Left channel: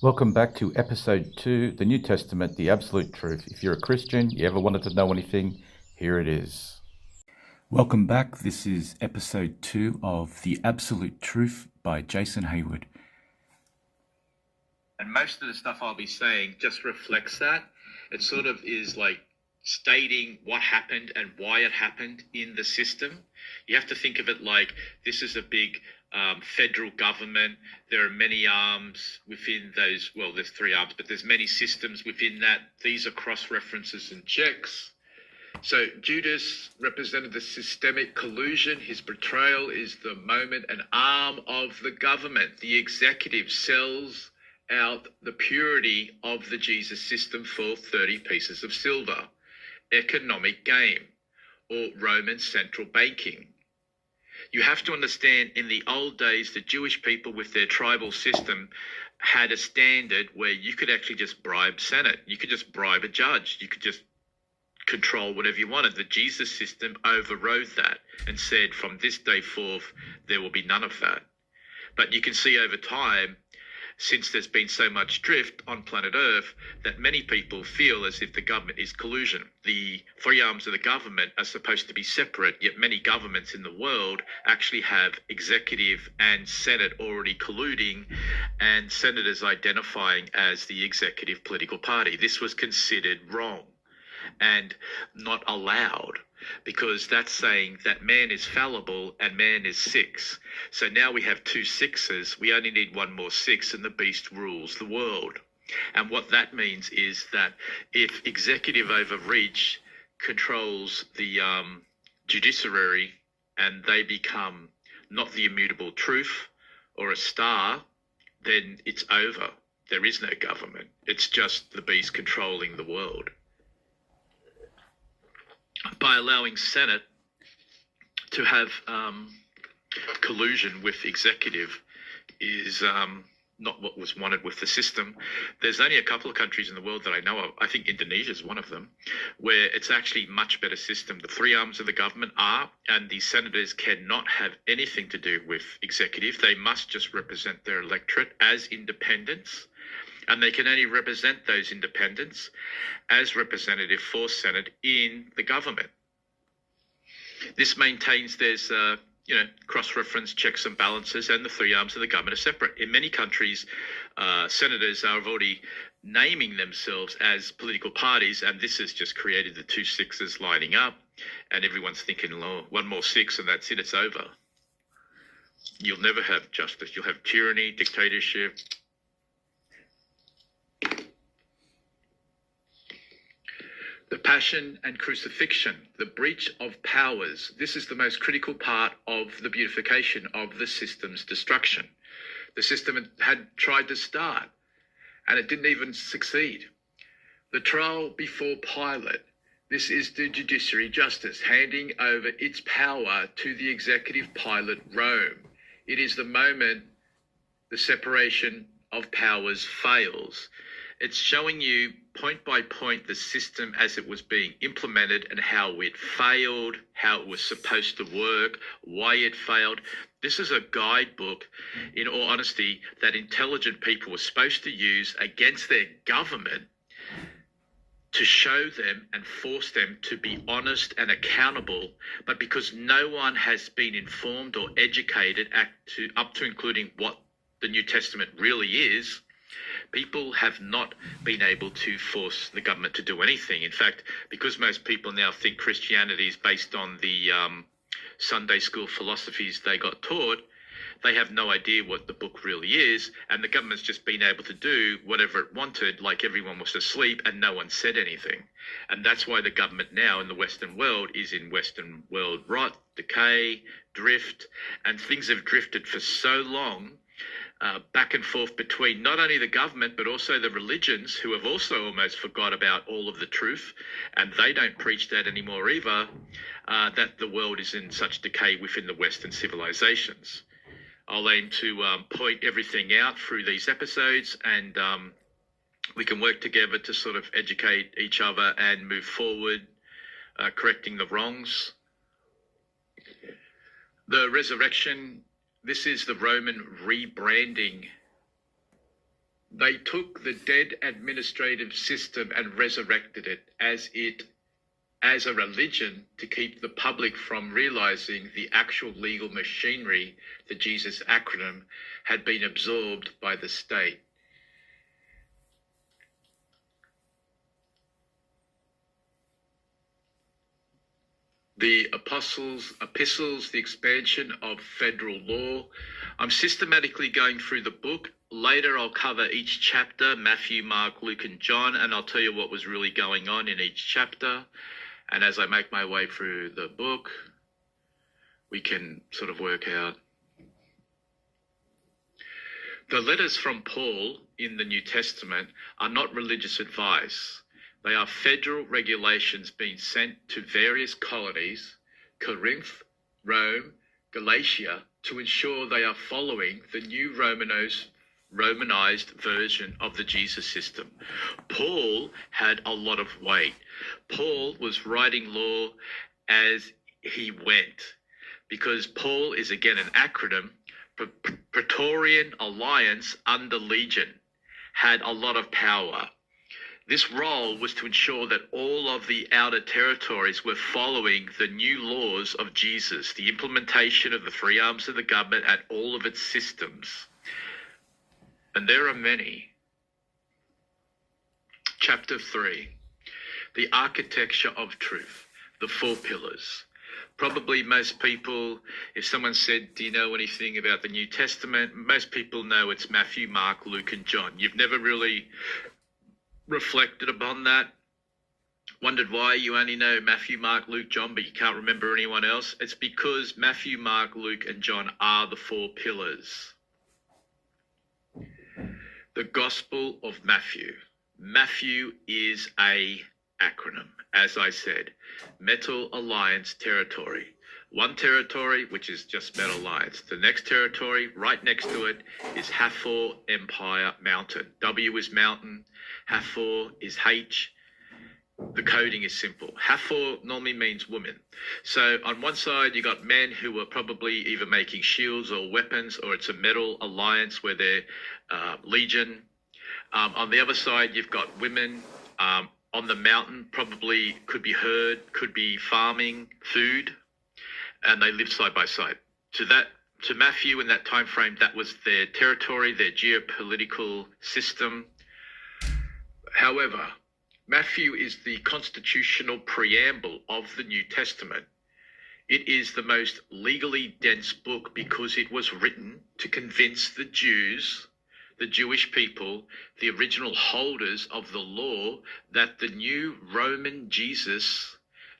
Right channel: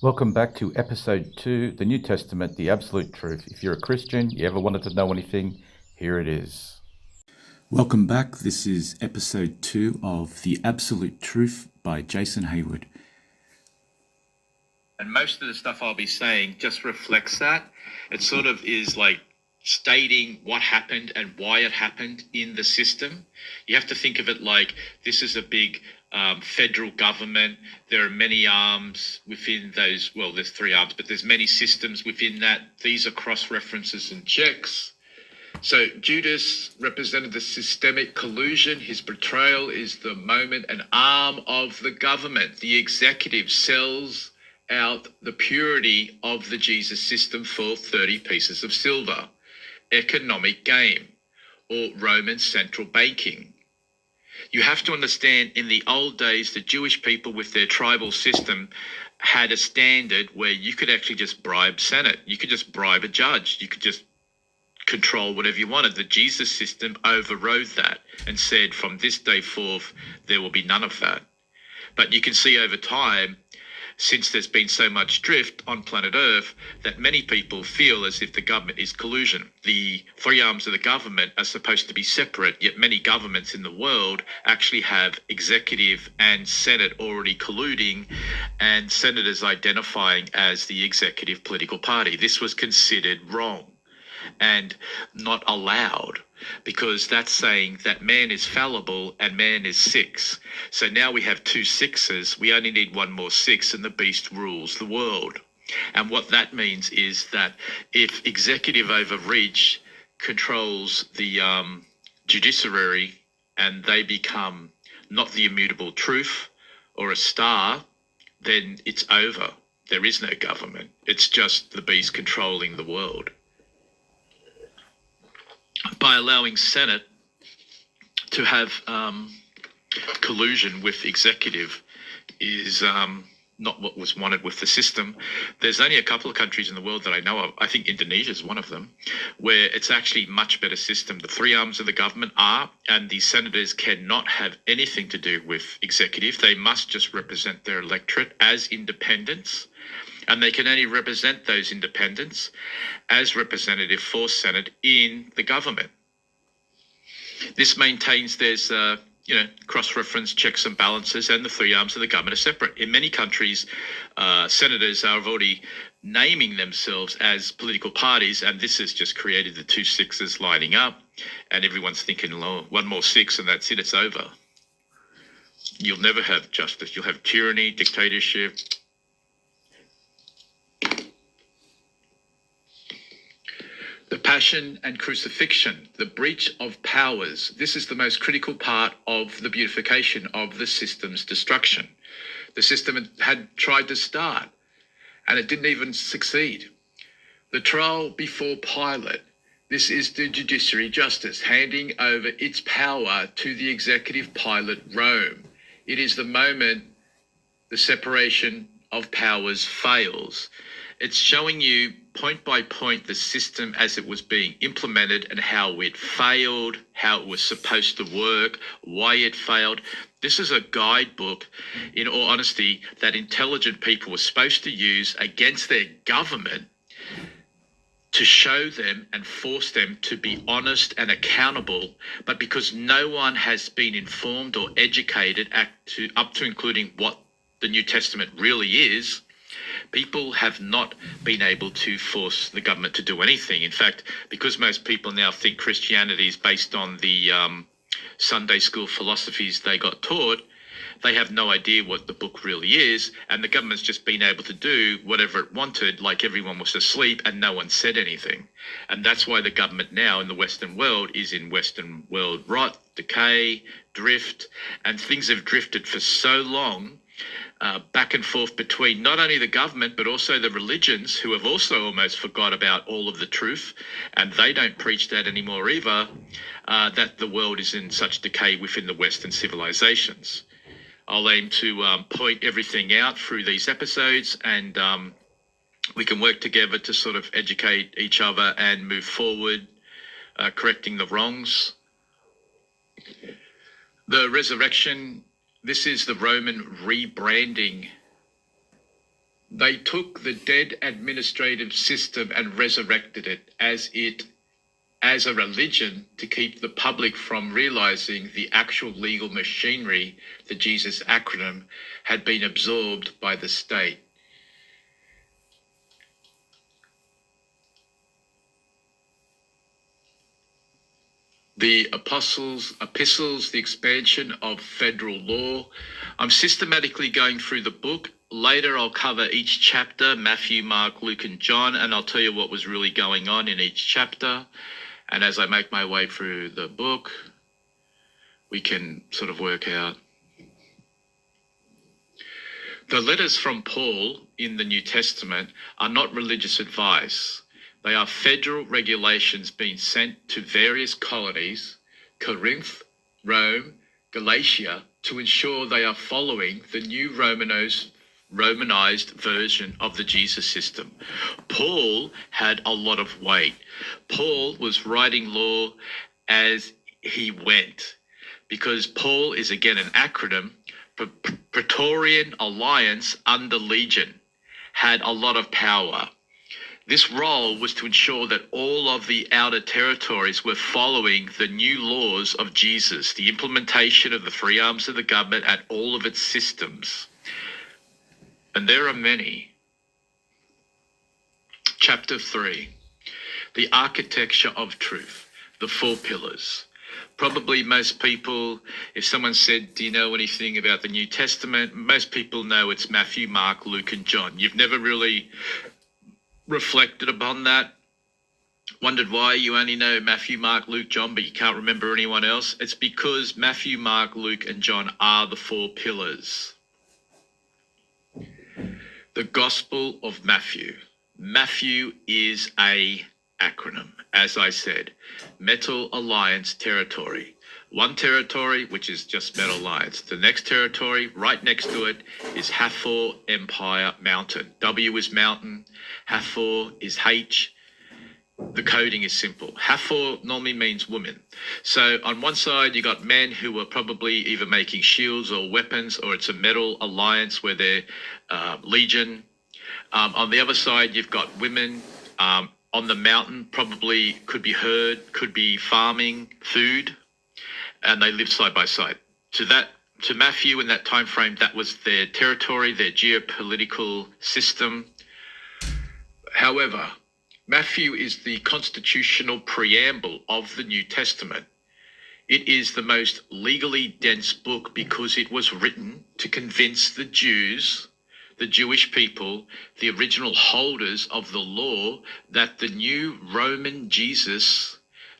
Welcome back to episode 2, the New Testament, the absolute truth. If you're a Christian, you ever wanted to know anything, here it is. Welcome back. This is episode 2 of The Absolute Truth by Jason Hayward. And most of the stuff I'll be saying just reflects that. It sort of is like stating what happened and why it happened in the system. You have to think of it like this is a big federal government. There are many arms within those. Well, there's 3 arms, but there's many systems within that. These are cross-references and checks. So Judas represented the systemic collusion. His betrayal is the moment an arm of the government, the executive, sells out the purity of the Jesus system for 30 pieces of silver. Economic game, or Roman central banking. You have to understand, in the old days, the Jewish people with their tribal system had a standard where you could actually just bribe Senate. You could just bribe a judge. You could just control whatever you wanted. The Jesus system overrode that and said from this day forth, there will be none of that. But you can see over time, since there's been so much drift on planet Earth, that many people feel as if the government is collusion. The 3 arms of the government are supposed to be separate, yet many governments in the world actually have executive and Senate already colluding, and senators identifying as the executive political party. This was considered wrong and not allowed, because that's saying that man is fallible and man is 6. So now we have 2 6s. We only need 1 more 6, and the beast rules the world. And what that means is that if executive overreach controls the judiciary and they become not the immutable truth or a star, then it's over. There is no government. It's just the beast controlling the world. By allowing Senate to have collusion with executive is not what was wanted with the system. There's only a couple of countries in the world that I know of, I think Indonesia is one of them, where it's actually a much better system. The 3 arms of the government are, and the senators cannot have anything to do with executive. They must just represent their electorate as independents. And they can only represent those independents as representative for Senate in the government. This maintains there's, cross-reference checks and balances, and the 3 arms of the government are separate. In many countries, senators are already naming themselves as political parties, and this has just created the 2 6s lining up, and everyone's thinking, oh, 1 more 6 and that's it, it's over. You'll never have justice. You'll have tyranny, dictatorship. The passion and crucifixion, the breach of powers. This is the most critical part of the beautification of the system's destruction. The system had tried to start, and it didn't even succeed. The trial before Pilate. This is the judiciary justice handing over its power to the executive Pilate, Rome. It is the moment the separation of powers fails. It's showing you point by point the system as it was being implemented and how it failed, how it was supposed to work, why it failed. This is a guidebook, in all honesty, that intelligent people were supposed to use against their government to show them and force them to be honest and accountable. But because no one has been informed or educated up to including what the New Testament really is, people have not been able to force the government to do anything. In fact, because most people now think Christianity is based on the Sunday school philosophies they got taught, they have no idea what the book really is, and the government's just been able to do whatever it wanted, like everyone was asleep and no one said anything. And that's why the government now in the Western world is in Western world rot, decay, drift, and things have drifted for so long, back and forth between not only the government but also the religions, who have also almost forgot about all of the truth, and they don't preach that anymore either, that the world is in such decay within the Western civilizations. I'll aim to point everything out through these episodes, and we can work together to sort of educate each other and move forward, correcting the wrongs. The resurrection. This is the Roman rebranding They took the dead administrative system and resurrected it as a religion to keep the public from realizing the actual legal machinery, the Jesus acronym, had been absorbed by the state. The epistles, the expansion of federal law. I'm systematically going through the book. Later, I'll cover each chapter, Matthew, Mark, Luke, and John, and I'll tell you what was really going on in each chapter. And as I make my way through the book, we can sort of work out. The letters from Paul in the New Testament are not religious advice. They are federal regulations being sent to various colonies, Corinth, Rome, Galatia, to ensure they are following the new Romanized version of the Jesus system. Paul had a lot of weight. Paul was writing law as he went, because Paul is again an acronym. Praetorian Alliance under Legion had a lot of power. This role was to ensure that all of the outer territories were following the new laws of Jesus, the implementation of the three arms of the government and all of its systems. And there are many. Chapter 3, the architecture of truth, the four pillars. Probably most people, if someone said, do you know anything about the New Testament? Most people know it's Matthew, Mark, Luke, and John. You've never really reflected upon that, wondered why you only know Matthew, Mark, Luke, John, but you can't remember anyone else. It's because Matthew, Mark, Luke, and John are the four pillars. The Gospel of Matthew. Matthew is a acronym, as I said. Metal Alliance territory. One territory, which is just Metal Alliance. The next territory, right next to it, is Hathor Empire Mountain. W is mountain. Hathor is H. The coding is simple. Hathor normally means women. So on one side, you got men who were probably either making shields or weapons, or it's a metal alliance where they're legion. On the other side, you've got women. On the mountain, probably could be herd, could be farming, food, and they lived side by side. To Matthew in that time frame, that was their territory, their geopolitical system. However, Matthew is the constitutional preamble of the New Testament. It is the most legally dense book because it was written to convince the Jews, the Jewish people, the original holders of the law, that the new Roman Jesus,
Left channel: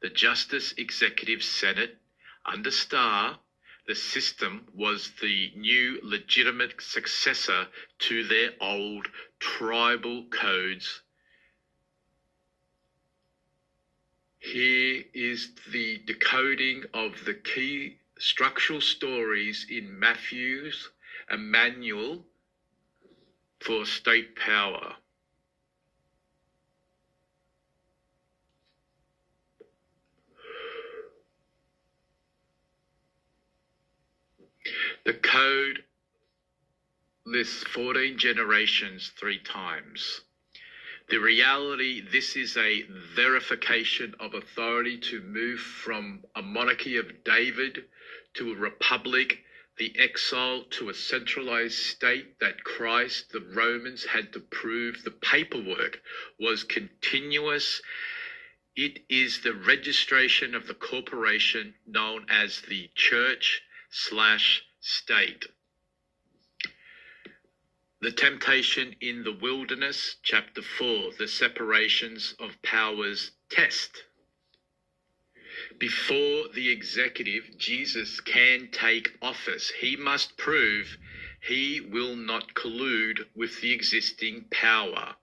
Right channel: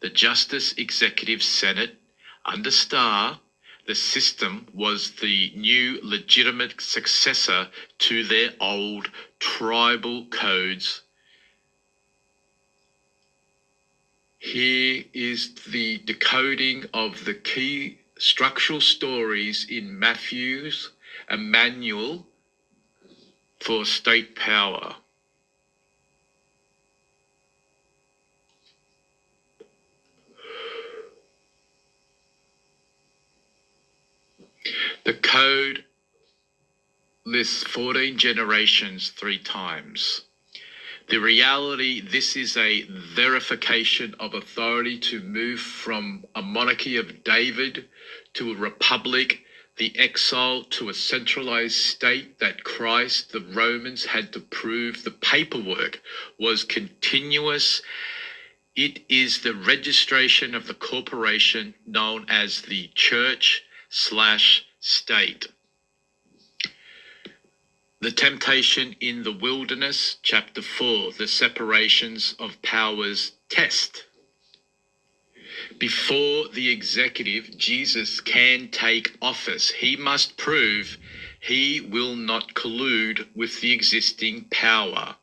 the Justice Executive Senate, under Star, the system was the new legitimate successor to their old tribal codes. Here is the decoding of the key structural stories in Matthew's, a manual for state power. The code lists 14 generations 3 times. The reality, this is a verification of authority to move from a monarchy of David to a republic, the exile to a centralized state that Christ, the Romans had to prove. The paperwork was continuous. It is the registration of the corporation known as the church/state. The temptation in the wilderness, chapter 4, the separations of powers test. Before the executive, Jesus can take office. He must prove he will not collude with the existing power,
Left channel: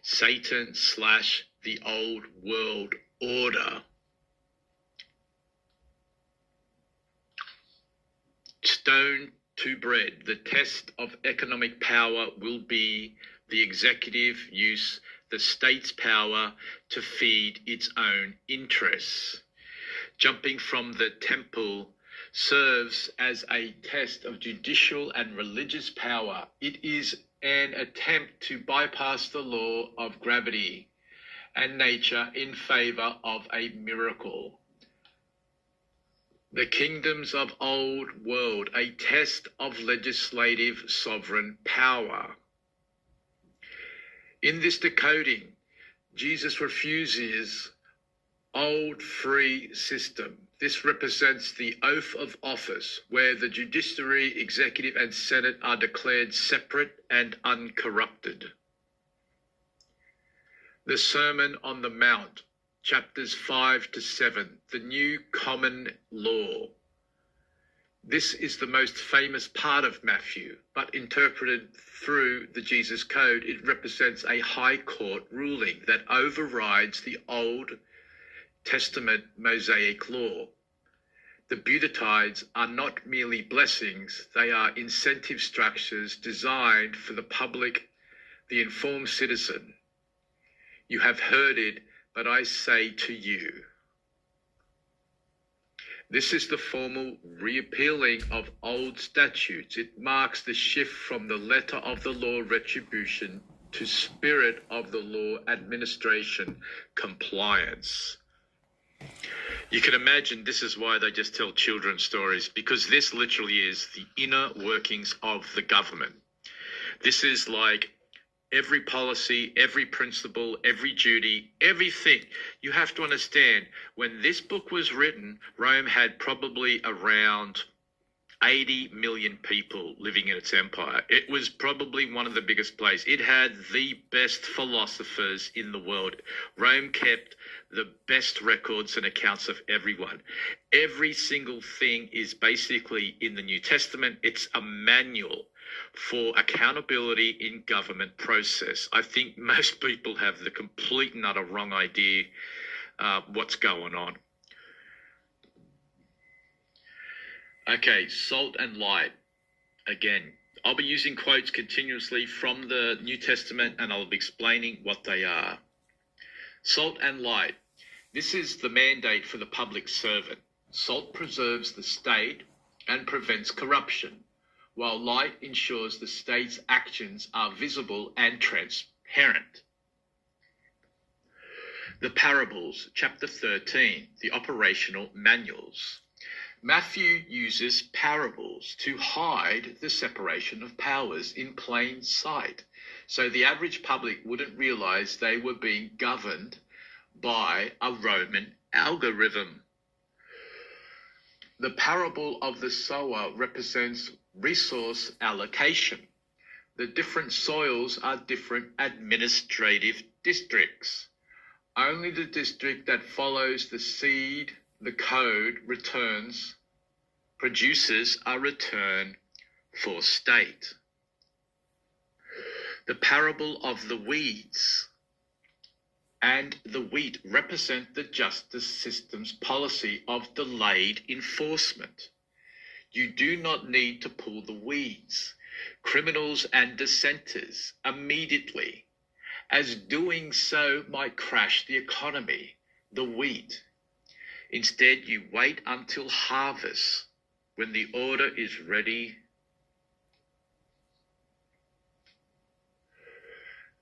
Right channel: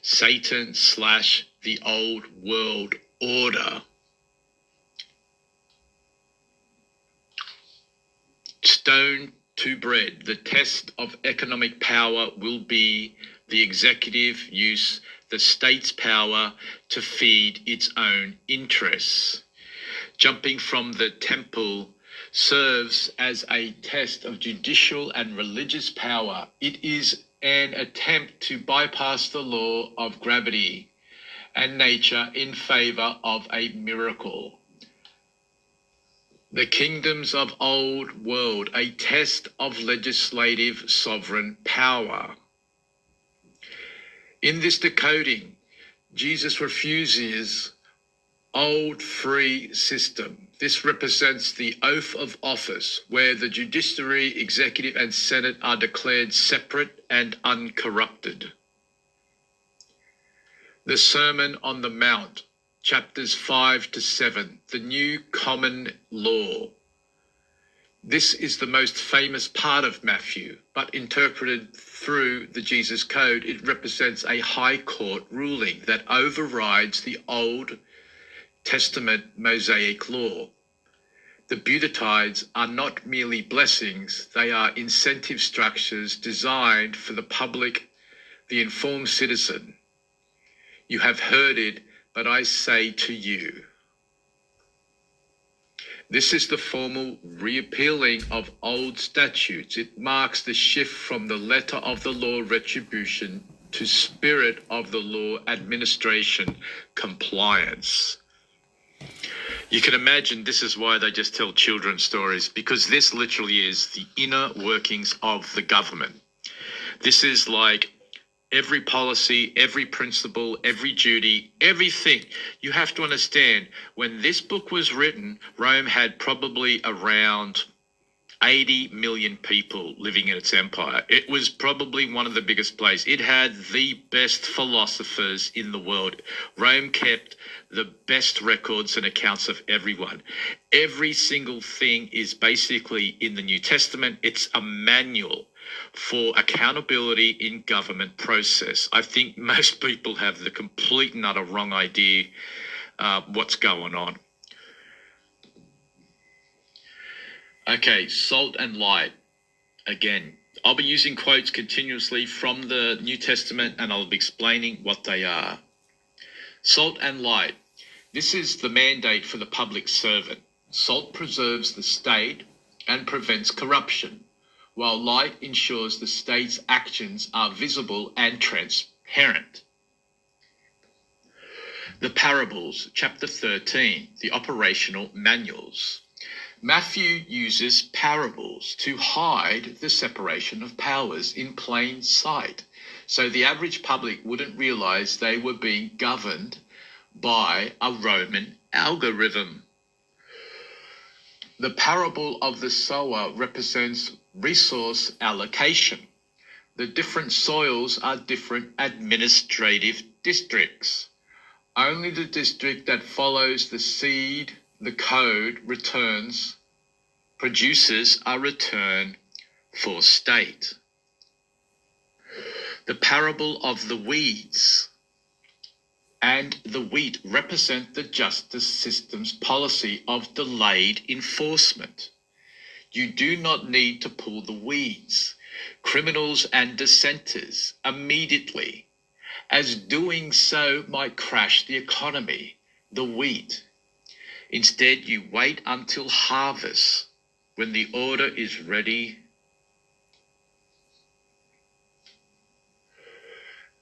Satan/the old world order. Stone to bread. The test of economic power will be the executive use the state's power to feed its own interests. Jumping from the temple serves as a test of judicial and religious power. It is an attempt to bypass the law of gravity and nature in favor of a miracle. The kingdoms of old world, a test of legislative sovereign power. In this decoding, Jesus refuses old free system. This represents the oath of office, where the judiciary, executive, and senate are declared separate and uncorrupted. The Sermon on the Mount, chapters 5 to 7, the new common law. This is the most famous part of Matthew, but interpreted through the Jesus Code, it represents a high court ruling that overrides the Old Testament Mosaic law. The Beatitudes are not merely blessings, they are incentive structures designed for the public, the informed citizen. You have heard it, but I say to you. This is the formal repealing of old statutes. It marks the shift from the letter of the law retribution to spirit of the law administration compliance. You can imagine this is why they just tell children's stories, because this literally is the inner workings of the government. This is like every policy, every principle, every duty, everything. You have to understand, when this book was written, Rome had probably around 80 million people living in its empire. It was probably one of the biggest places. It had the best philosophers in the world. Rome kept the best records and accounts of everyone. Every single thing is basically in the New Testament. It's a manual for accountability in government process. I think most people have the complete and utter wrong idea what's going on. Okay, salt and light. Again, I'll be using quotes continuously from the New Testament, and I'll be explaining what they are. Salt and light. This is the mandate for the public servant. Salt preserves the state and prevents corruption, while light ensures the state's actions are visible and transparent. The parables, chapter 13, the operational manuals. Matthew uses parables to hide the separation of powers in plain sight, so the average public wouldn't realize they were being governed by a Roman algorithm. The parable of the sower represents resource allocation. The different soils are different administrative districts. Only the district that follows the seed, the code, produces a return for state. The parable of the weeds and the wheat represent the justice system's policy of delayed enforcement. You do not need to pull the weeds, criminals and dissenters, immediately, as doing so might crash the economy, the wheat. Instead, you wait until harvest, when the order is ready.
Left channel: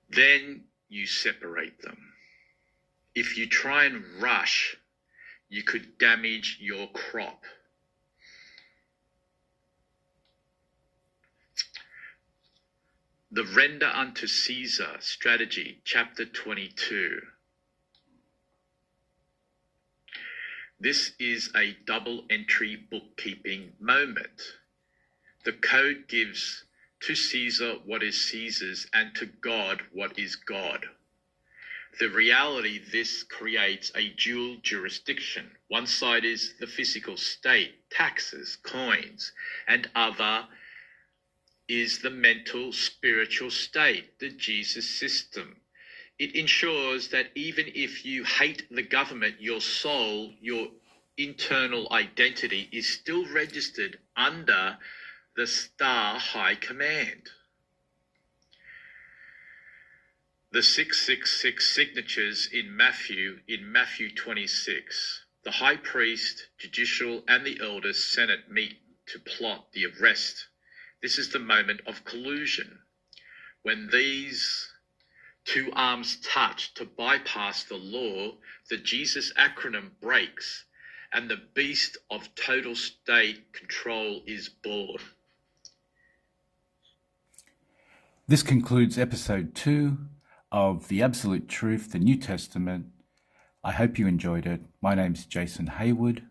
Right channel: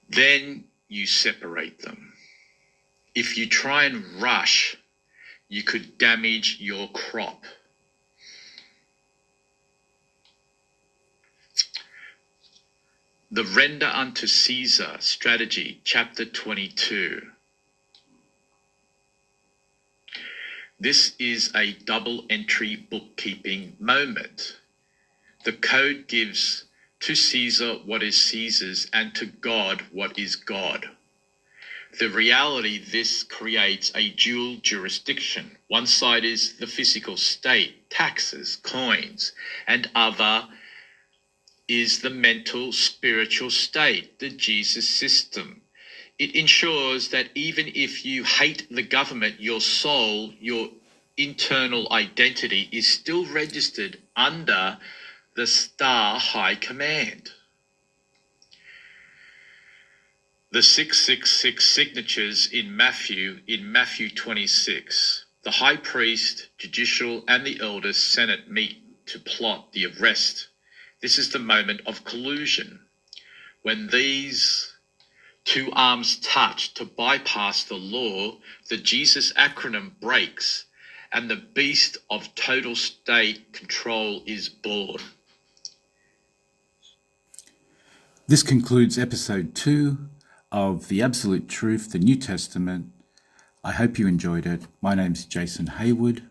Then you separate them. If you try and rush, you could damage your crop. The render unto Caesar strategy, chapter 22. This is a double entry bookkeeping moment. The code gives to Caesar what is Caesar's and to God what is God. The reality, this creates a dual jurisdiction. One side is the physical state, taxes, coins, and other is the mental, spiritual state, the Jesus system. It ensures that even if you hate the government, your soul, your internal identity is still registered under the Star High Command. The 666 signatures in Matthew 26. The high priest, judicial, and the elders senate meet to plot the arrest. This is the moment of collusion. When these two arms touch to bypass the law, the Jesus acronym breaks and the beast of total state control is born. This concludes episode 2 of The Absolute Truth, the New Testament. I hope you enjoyed it. My name's Jason Hayward.